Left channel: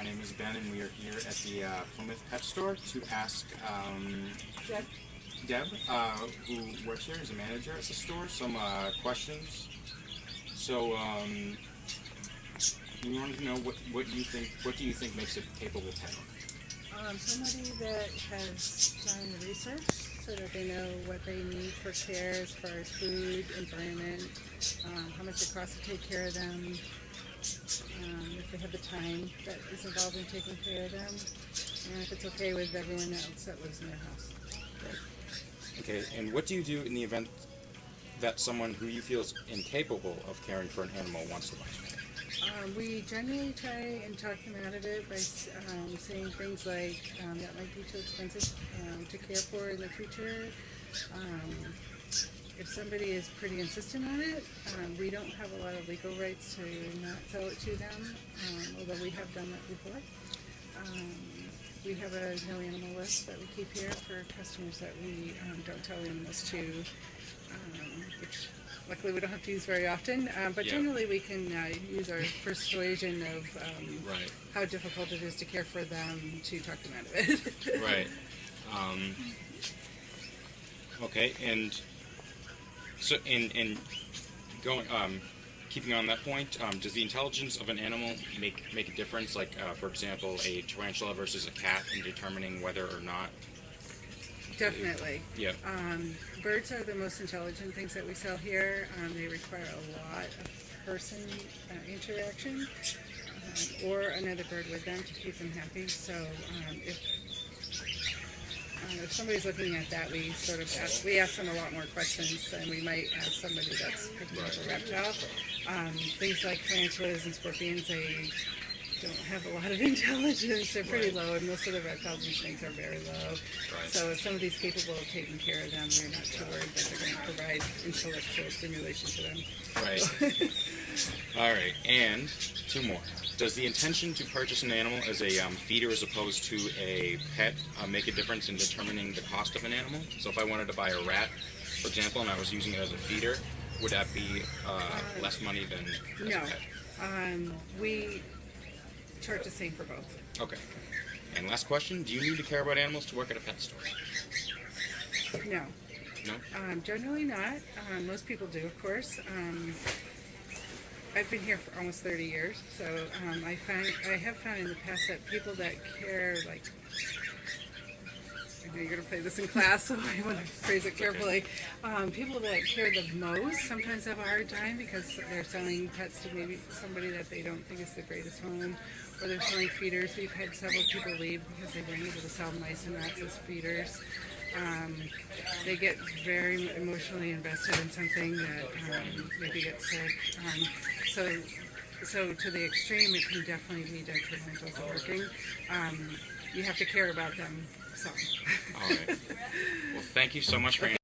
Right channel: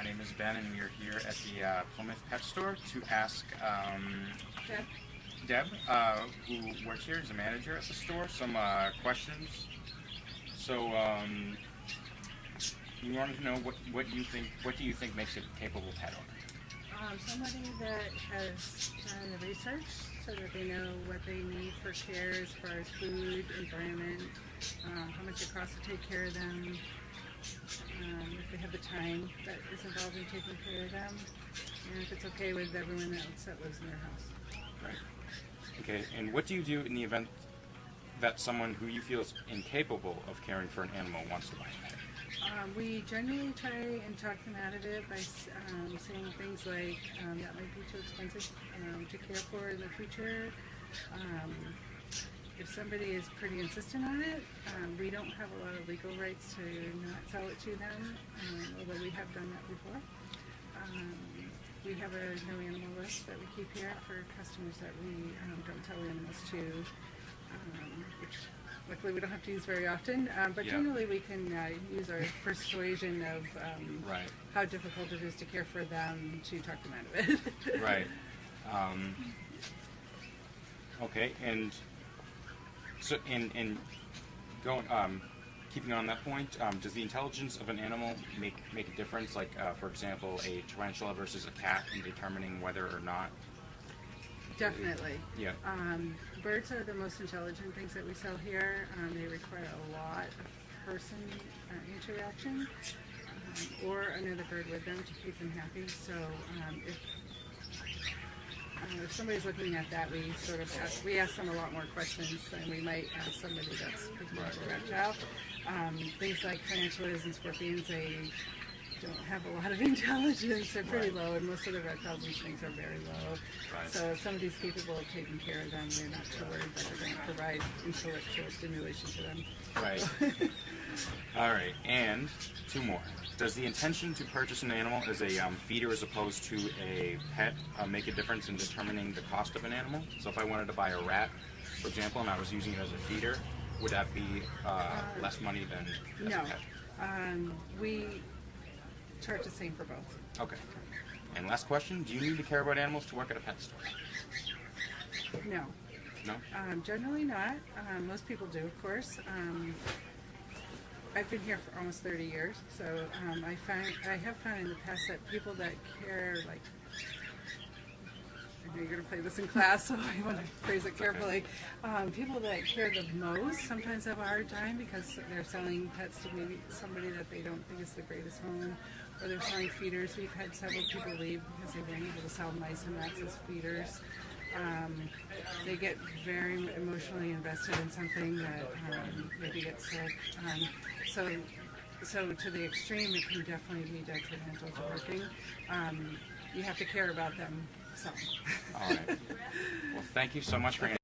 My name is Ben, and we are here at the Plymouth Pet Store to ask Deb, who works here as a manager at the store, some questions. So we wanted to know what you think. What do you think makes a capable pet owner? Somebody that has done the research so that they know what they need for care as far as food, environment, how much it costs to take care of them, if they have the time that is involved in taking care of them, and if it's okay with everyone else that lives in their house. Right. Okay, and what do you do in the event that someone who you feel is incapable of caring for an animal wants to buy it? We generally try and talk them out of it by saying things like that might be too expensive to care for in the future. If somebody is pretty insistent on it, we don't have a lot of legal rights to not sell it to them, although we have done that before. We have a no animal list that we keep here for customers that we don't sell animals to, which luckily we don't have to use very often, but generally we can use our persuasion of how difficult it is to care for them to talk them out of it. Right. Okay, and so in going keeping on that point, does the intelligence of an animal make a difference? Like, for example, a tarantula versus a cat in determining whether or not. Definitely. Yeah. Birds are the most intelligent things that we sell here. They require a lot of person interaction or another bird with them to keep them happy. So if somebody's looking at that, we sort of ask them a lot more questions than we might ask somebody that's picking up a reptile. Things like tarantulas and scorpions, they don't have a lot of intelligence. They're pretty low, and most of the reptiles and snakes are very low. So if somebody's capable of taking care of them, they're not too worried that they're going to provide intellectual stimulation to them. Right. All right, and two more. Does the intention to purchase an animal as a feeder as opposed to a pet make a difference in determining the cost of an animal? So if I wanted to buy a rat, for example, and I was using it as a feeder, would that be less money than as a pet? We charge the same for both. Okay. And last question, do you need to care about animals to work at a pet store? No. No? Generally not. Most people do, of course. I've been here for almost 30 years, so I have found in the past that people that care, like, I know you're going to play this in class, so I want to phrase it carefully. People that care the most sometimes have a hard time because they're selling pets to maybe somebody that they don't think is the greatest home, or they're selling feeders. We've had several people leave because they weren't able to sell mice and rats as feeders. They get very emotionally invested in something that maybe gets sick. So to the extreme, it can definitely be detrimental to working. You have to care about them some. All right. Well, thank you so much for Okay,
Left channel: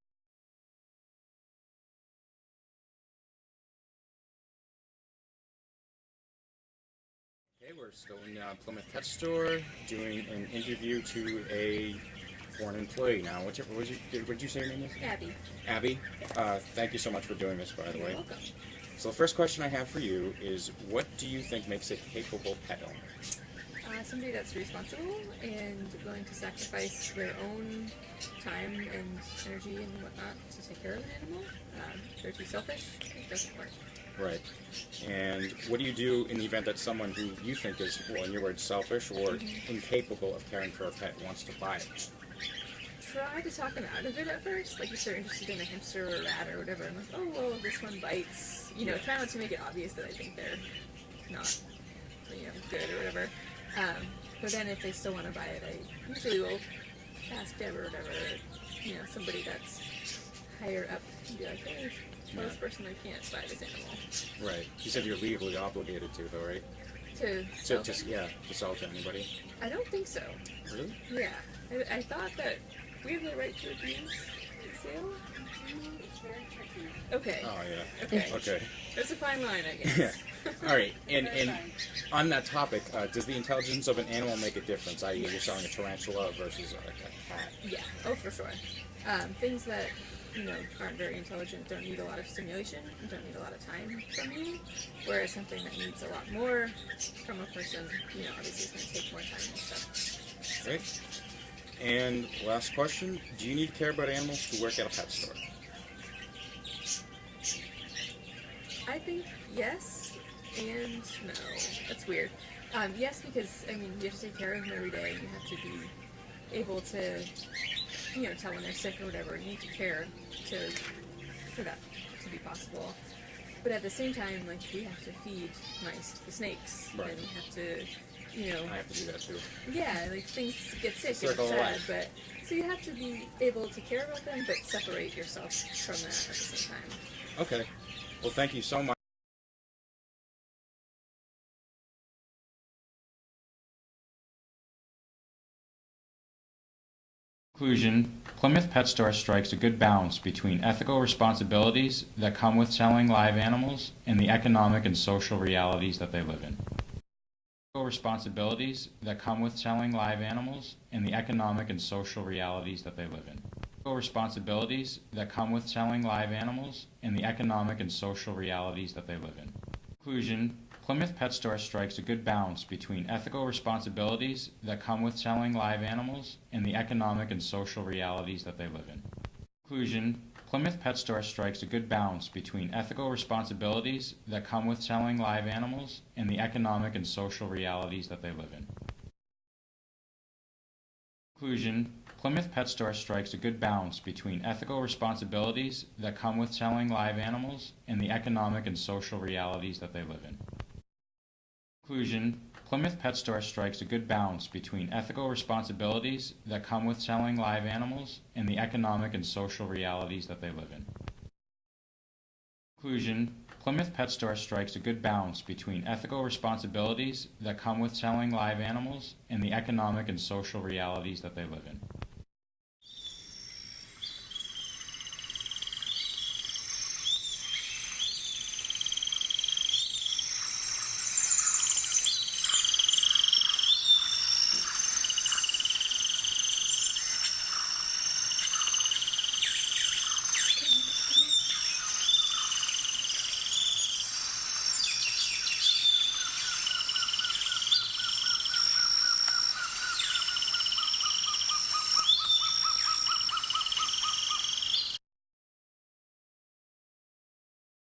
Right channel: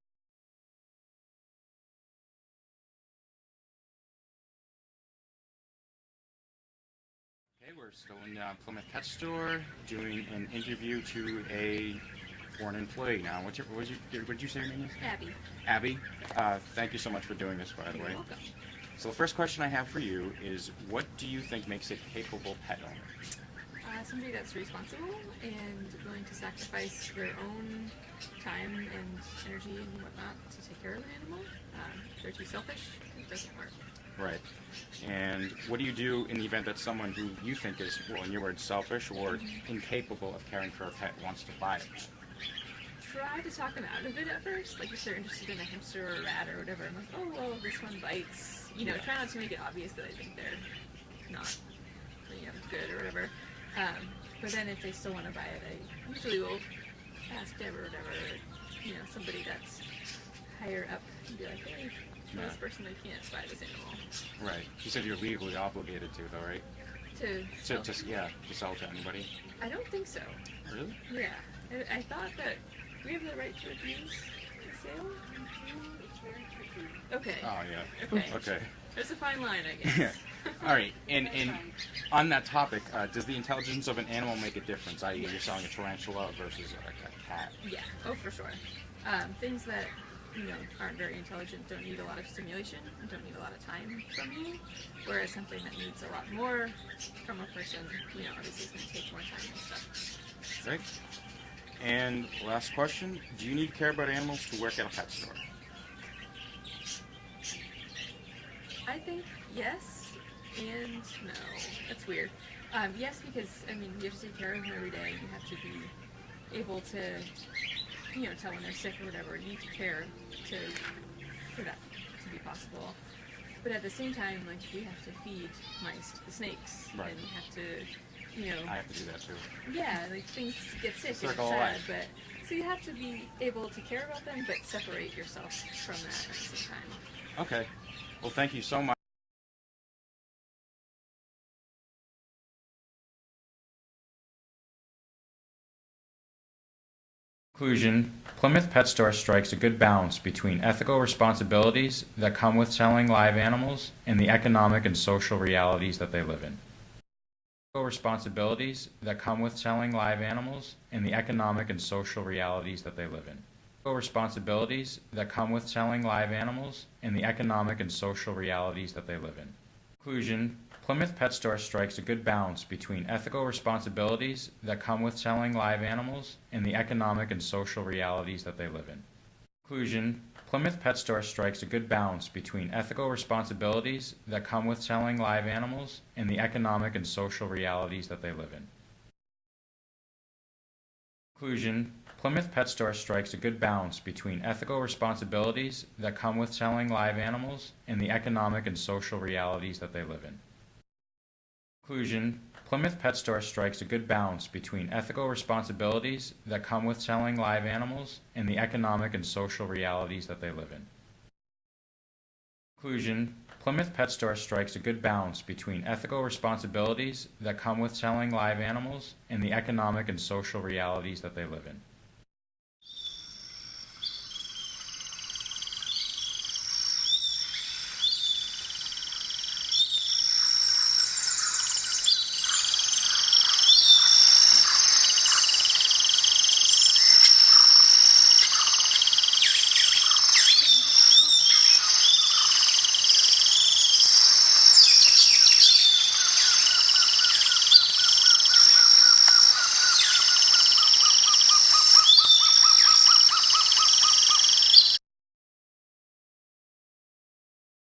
we're still in Plymouth Pet Store doing an interview to a foreign employee now. What did you say your name is? Abby. Abby, thank you so much for doing this, by the way. You're welcome. So the first question I have for you is, what do you think makes a capable pet owner? Somebody that's responsible and willing to sacrifice their own time and energy and whatnot to take care of an animal. If they're too selfish, it doesn't work. Right. And what do you do in the event that someone who you think is, well, in your words, selfish or incapable of caring for a pet wants to buy it? Try to talk them out of it at first. Like if they're interested in a hamster or a rat or whatever, I'm like, oh, well, this one bites. You know, try not to make it obvious that I think they're not, good or whatever. But then if they still want to buy it, I usually will ask Deb or whatever, somebody that's higher up and be like, hey, tell this person they can't buy this animal. Right. You said you're legally obligated to, though, right? To sell to anybody? I don't think so. Really? Yeah. I thought that we have the right to refuse the sale. Okay. Oh, yeah. Okay. Okay. There's a fine line, I guess. Yeah. All right. And on that topic, does the intelligence of an animal make a difference? I.e., you're selling a tarantula versus a cat? Yeah. Oh, for sure. Things that aren't very intelligent don't need a lot of stimulation, don't need a lot of time from you, whereas something that needs a lot more from a person, obviously is going to take more time and stuff. Great. And last question: do you need to care about animals to work at a pet store? I think yes and no. That's weird. Yes, because you have to take care of them every day. You have to be able to, tell when they're sick or whatever. You need to care for that to be possible. But at the same time, we have to feed mice to the snakes, Right. and we have to, I have to do that too. yeah, things get sick and it's Circle of sad. life. But so you have to be able to care about them, but separate yourself from that at the same time. Okay. Well, thank you so much. Conclusion: Plymouth Pet Store strikes a good balance between ethical responsibilities that come with selling live animals and the economic and social realities that they live in. Ethical responsibilities that come with selling live animals and the economic and social realities that they live in. Ethical responsibilities that come with selling live animals and the economic and social realities that they live in. Conclusion: Plymouth Pet Store strikes a good balance between ethical responsibilities that come with selling live animals and the economic and social realities that they live in. Conclusion: Plymouth Pet Store strikes a good balance between ethical responsibilities that come with selling live animals and the economic and social realities that they live in. Conclusion: Plymouth Pet Store strikes a good balance between ethical responsibilities that come with selling live animals and the economic and social realities that they live in. Conclusion: Plymouth Pet Store strikes a good balance between ethical responsibilities that come with selling live animals and the economic and social realities that they live in. Conclusion: Plymouth Pet Store strikes a good balance between ethical responsibilities that come with selling live animals and the economic and social realities that they live in.